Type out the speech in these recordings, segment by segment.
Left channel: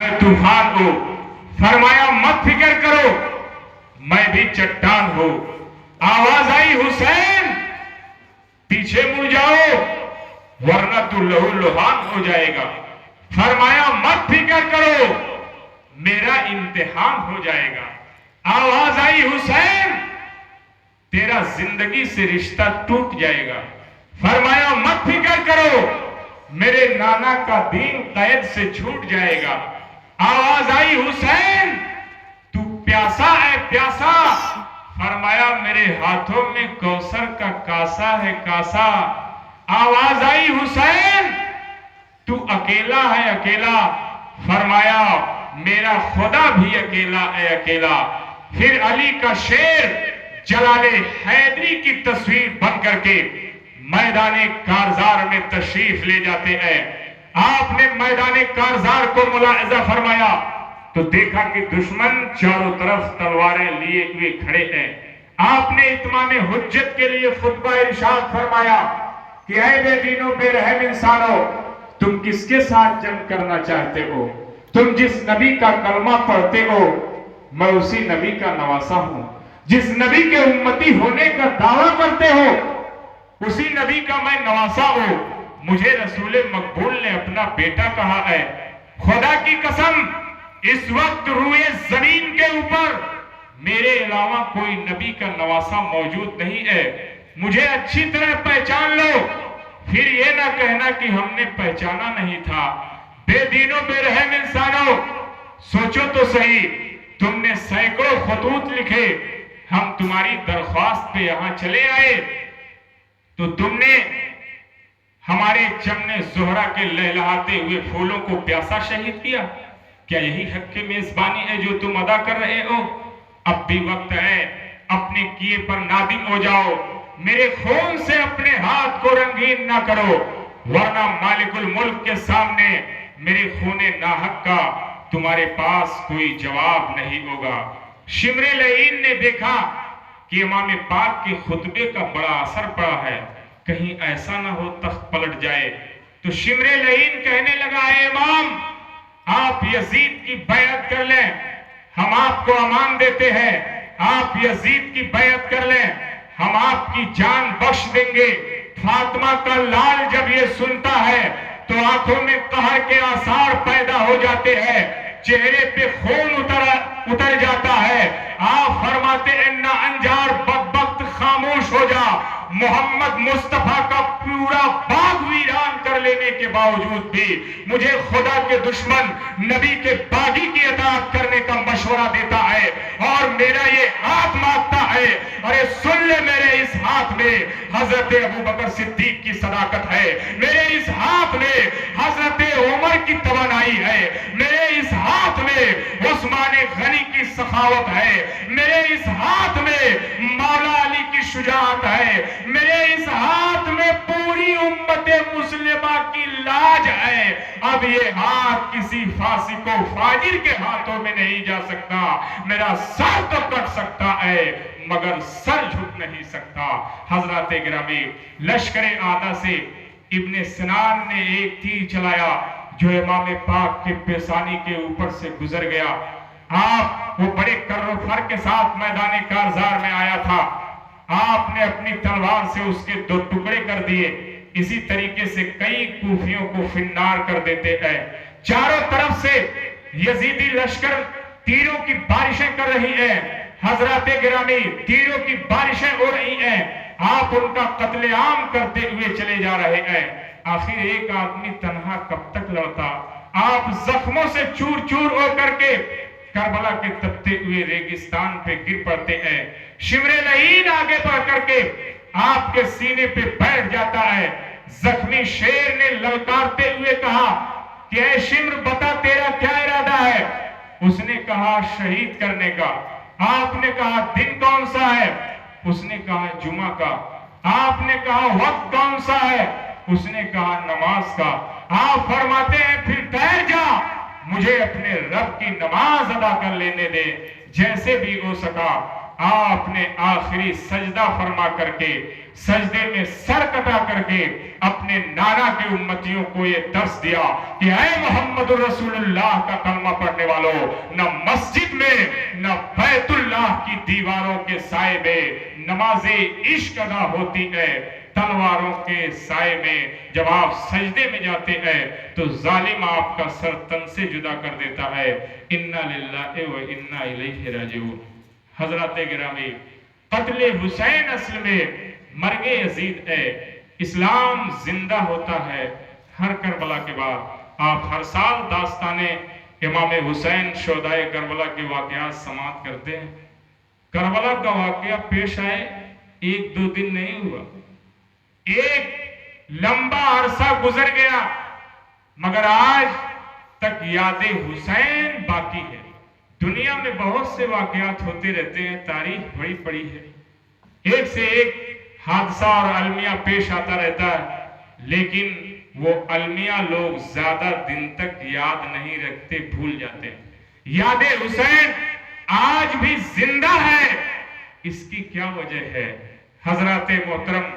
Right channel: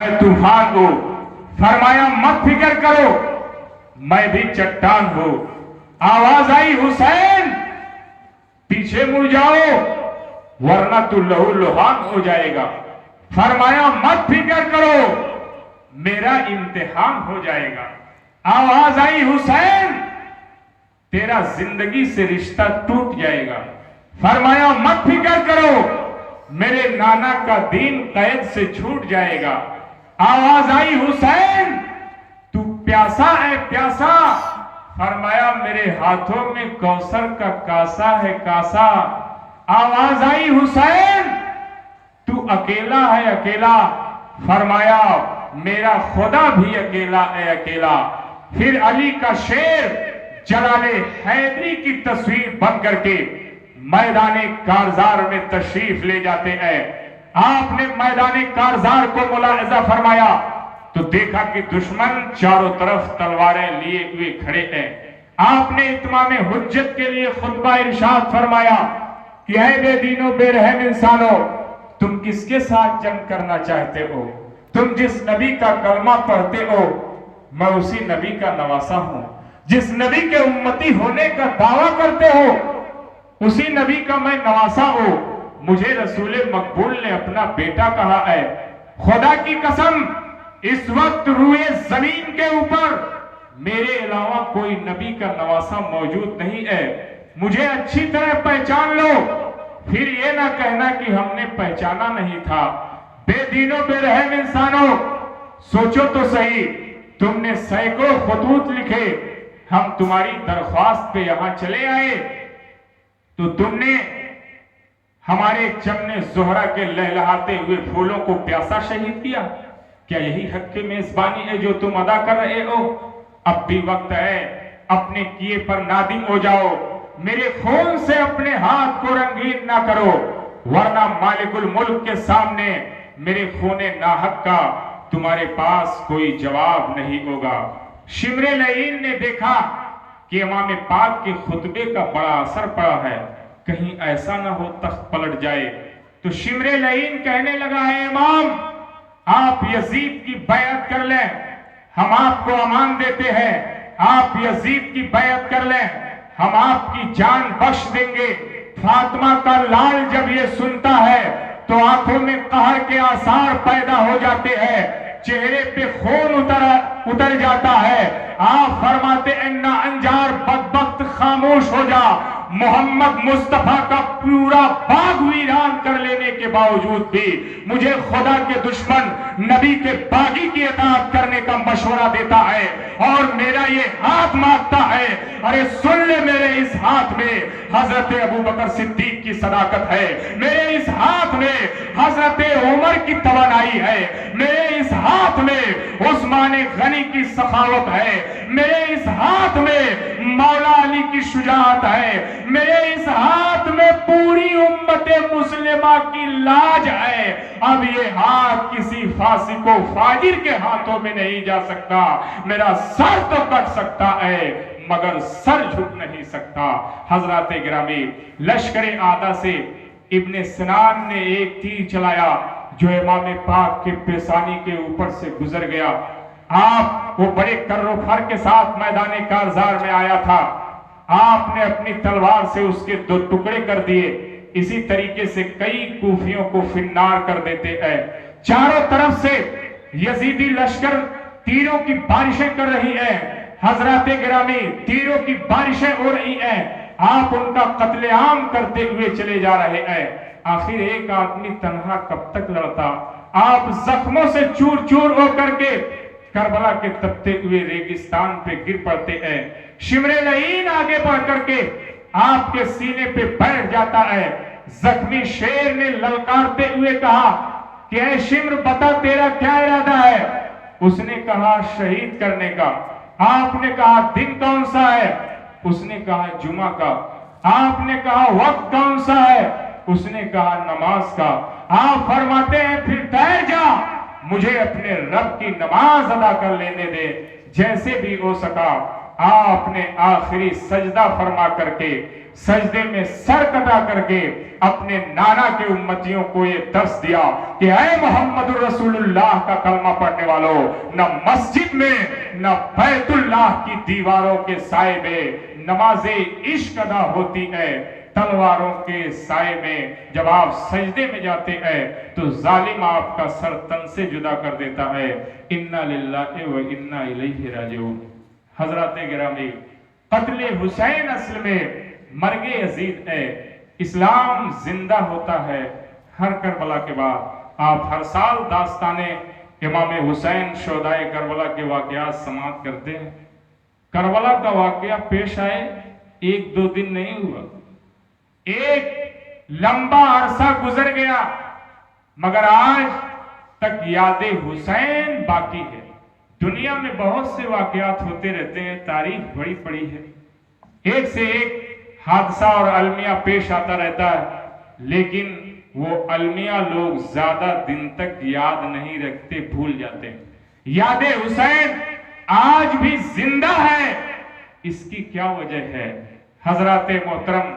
तूफान हो। फरमाया मत फिक्र करो, मैं भी चट्टान हूं। आवाज आई हुसैन पीछे मुड़ जाओ वरना तू लहू लुहान हो जाएगा। फरमाया मत फिक्र करो, मेरा इम्तिहान हो जाएगा। आवाज आई हुसैन तेरा जिंदगी से रिश्ता टूट जाएगा। फरमाया मत फिक्र करो, मेरे नाना का दीन कैद से छूट जाएगा। आवाज आई हुसैन तू प्यासा है प्यासा। फरमाया मेरे हाथों में कौसर का कासा है कासा। आवाज आई हुसैन तू अकेला है अकेला। फरमाया मेरा खुदा भी अकेला है अकेला। फिर अली का शेर जलाले हैदरी की तस्वीर बन करके मैदाने कारजार में तशरीफ ले जाते हैं। आपने मैदाने कारजार को मुलाहिजा फरमाया तो देखा कि दुश्मन चारों तरफ तलवारें लिए हुए खड़े हैं। आपने इत्माम हुज्जत के लिए खुतबा इरशाद फरमाया कि ऐ बेदीनो बेरहम इंसानो, तुम किसके साथ जंग करना चाहते हो? तुम जिस नबी का कलमा पढ़ते हो मैं उसी नबी का नवासा हूं। जिस नबी के उम्मती होने का दावा करते हो उसी नबी का मैं नवासा हूं। मुझे रसूल मकबूल ने अपना बेटा कहा है। खुदा की कसम इस वक्त रूए जमीन के ऊपर मेरे अलावा कोई नबी का नवासा मौजूद नहीं है। मुझे अच्छी तरह पहचान लो, फिर ये ना कहना कि हमने पहचाना नहीं था। बेदीनों बेरहम इंसानों, सोचो तो सही, तुमने सैकड़ों खतूत लिखे, हम तुम्हारी दरख्वास्त पे यहां चले आए तो तुमने हमारे चमने जोहरा के लहलहाते हुए फूलों को प्यासा शहीद किया। क्या यही हक की मेजबानी है जो तुम अदा कर रहे हो? अब भी वक्त है, अपने किए पर नादिम हो जाओ। मेरे खून से अपने हाथ को रंगीन ना करो, वरना मालिकुल मुल्क के सामने मेरे खूने नाहक का तुम्हारे पास कोई जवाब नहीं होगा। शिमरे लईन ने देखा कि इमाम पाक के खुतबे का बड़ा असर पड़ा है, कहीं ऐसा ना हो तख्त पलट जाए। तो शिमरे लईन कहने लगा है इमाम आप यजीद की बैअत कर लें, हम आपको अमान देते हैं। आप यजीद की बैअत कर लें, हम आपकी जान बख्श देंगे। फातिमा का लाल जब ये सुनता है तो आंखों में कहर के आसार पैदा हो जाते हैं, चेहरे पे खून उतर जाता है। आप फरमाते अन्ना अंजार बकबक खामोश हो जा। मोहम्मद मुस्तफा का पूरा बाग वीरान कर लेने के बावजूद भी मुझे खुदा के दुश्मन नबी के बागी की इताअत करने का मशवरा देता है और मेरा ये हाथ मांगता है। अरे सुन ले, मेरे इस हाथ में हजरत अबू बकर सिद्दीक की सदाकत है, मेरे इस हाथ में हजरत उमर की तवानाई है, मेरे इस हाथ में उस्मान गनी की सखावत है, मेरे इस हाथ में मौला अली की शुजाअत है, मेरे इस हाथ में पूरी उम्मत मुस्लिमा की लाज है। अब ये हाथ किसी फासी को फाजिर के हाथों में नहीं जा सकता। मेरा सर तो कट सकता है मगर सर झुक नहीं सकता। हजरत गिरामी लश्कर आदा से इब्ने सिनान ने एक तीर चलाया जो इमाम पाक के पेशानी के ऊपर से गुजर गया। आप वो बड़े कर्रोफर के साथ मैदान कारजार में आया था, आपने अपनी तलवार से उसके दो टुकड़े कर दिए। इसी तरीके से कई कूफियों को फिन्नार कर देते हैं। चारों तरफ से यजीदी लश्कर तीरों की बारिशें कर रही हैं। हजरत गिरामी तीरों की बारिशें हो रही हैं, आप उनका कत्लेआम करते हुए चले जा रहे हैं। आखिर एक आदमी तन्हा कब तक लड़ता? आप जख्मों से चूर चूर होकर के करबला के तपते हुए रेगिस्तान पे गिर पड़ते हैं। शिमरे लईन आगे बढ़ करके आपके सीने पे बैठ जाता है। जख्मी शेर ने ललकारते हुए कहा कि ऐ शिमर बता तेरा क्या इरादा है? उसने कहा शहीद करने का। आपने कहा दिन कौन सा है? उसने कहा जुमा का। आपने कहा वक्त कौन सा है? उसने कहा नमाज का। आप फरमाते हैं फिर ठहर जा, मुझे अपने रब की नमाज अदा कर लेने दे। जैसे भी हो सका आपने आखिरी सजदा फरमा करके सजदे में सर कटा करके अपने नाना के उम्मतियों को ये दर्श दिया कि ऐ मोहम्मद रसूलुल्लाह का कलमा والوں، نہ مسجد میں نہ بیت اللہ کی دیواروں کے سائے میں نماز عشق ادا ہوتی ہے، تلواروں کے سائے میں جب آپ سجدے میں جاتے ہیں تو ظالم آپ کا سر تن سے جدا کر دیتا ہے۔ انا للہ و انا الیہ راجعون۔ حضرات گرامی، قتل حسین اصل میں مرگ یزید ہے۔ اسلام زندہ ہوتا ہے ہر کربلا کے بعد۔ آپ ہر سال داستان امام حسین شہدائے کربلا کے واقعات سماعت کرتے ہیں۔ کربلا کا واقعہ پیش آئے ایک دو دن نہیں ہوا، ایک لمبا عرصہ گزر گیا، مگر آج تک یاد حسین باقی ہے۔ دنیا میں بہت سے واقعات ہوتے رہتے ہیں، تاریخ بڑی پڑی ہے، ایک سے ایک حادثہ اور المیہ پیش آتا رہتا ہے، لیکن وہ المیہ لوگ زیادہ دن تک یاد نہیں رکھتے، بھول جاتے ہیں۔ یاد حسین آج بھی زندہ ہے، اس کی کیا وجہ ہے؟ حضرات محترم،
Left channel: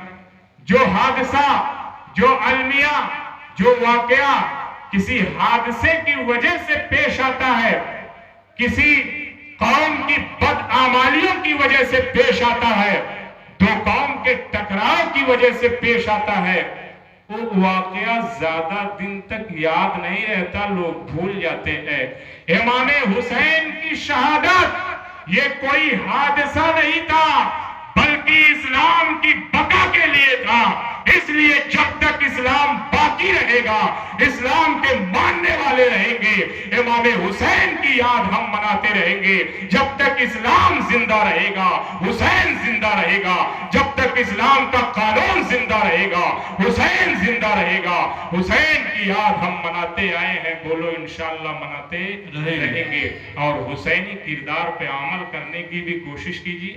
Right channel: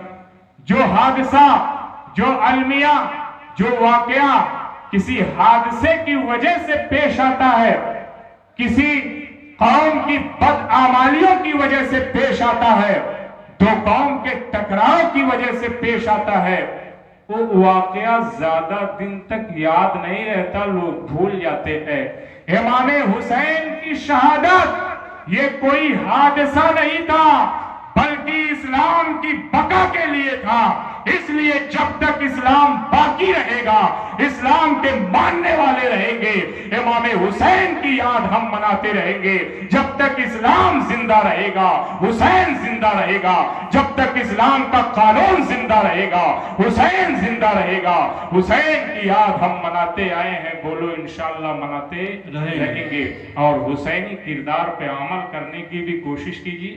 جو حادثہ، جو المیہ، جو واقعہ کسی حادثے کی وجہ سے پیش آتا ہے، کسی قوم کی بدعمالیوں کی وجہ سے پیش آتا ہے، دو قوم کے ٹکراؤ کی وجہ سے پیش آتا ہے، وہ واقعہ زیادہ دن تک یاد نہیں رہتا، لوگ بھول جاتے ہیں۔ امام حسین کی شہادت یہ کوئی حادثہ نہیں تھا، بلکہ اسلام کی بقا کے لیے تھا۔ اس لیے جب تک اسلام باقی رہے گا، اسلام کے ماننے والے رہیں گے، امام حسین کی یاد ہم مناتے رہیں گے۔ جب تک اسلام زندہ رہے گا، حسین زندہ رہے گا۔ جب تک اسلام کا قانون زندہ رہے گا، حسین زندہ رہے گا۔ حسین کی یاد ہم مناتے آئے ہیں، بولو انشاءاللہ مناتے رہیں گے۔ اور حسینی کردار پہ عمل کرنے کی بھی کوشش کیجیے۔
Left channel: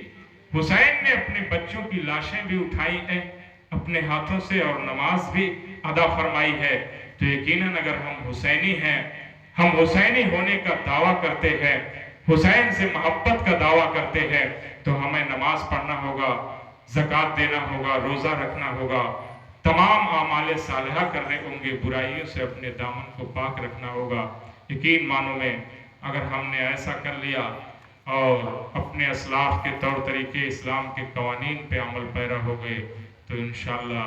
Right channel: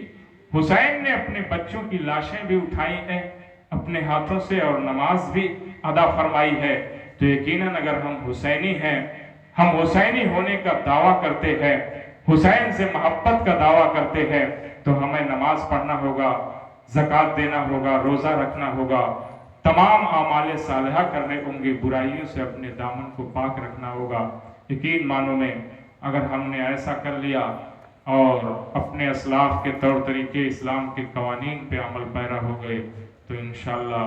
حسین نے اپنے بچوں کی لاشیں بھی اٹھائی ہیں اپنے ہاتھوں سے، اور نماز بھی ادا فرمائی ہے، تو یقیناً اگر ہم حسینی ہیں، ہم حسینی ہونے کا دعویٰ کرتے ہیں، حسین سے محبت کا دعویٰ کرتے ہیں، تو ہمیں نماز پڑھنا ہوگا، زکوٰۃ دینا ہوگا، روزہ رکھنا ہوگا، تمام اعمال صالحہ کرنے ہوں گے، برائیوں سے اپنے دامن کو پاک رکھنا ہوگا۔ یقین مانو میں اگر ہم نے ایسا کر لیا اور اپنے اسلاف کے طور طریقے، اسلام کے قوانین پہ عمل پیرا ہو گئے، تو انشاءاللہ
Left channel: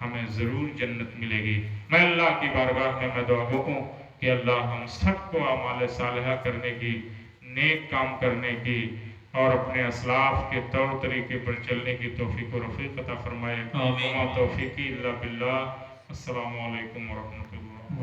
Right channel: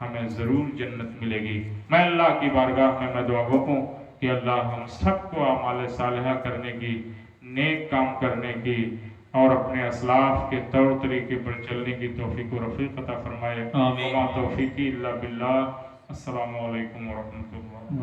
ہمیں ضرور جنت ملے گی۔ میں اللہ کی بارگاہ میں دعا ہوں کہ اللہ ہم سب کو اعمال صالحہ کرنے کی، نیک کام کرنے کی اور اپنے اسلاف کے طور طریقے پر چلنے کی توفیق و رفیق عطا فرمائے۔ وما توفیقی الا باللہ۔ السلام علیکم ورحمۃ اللہ۔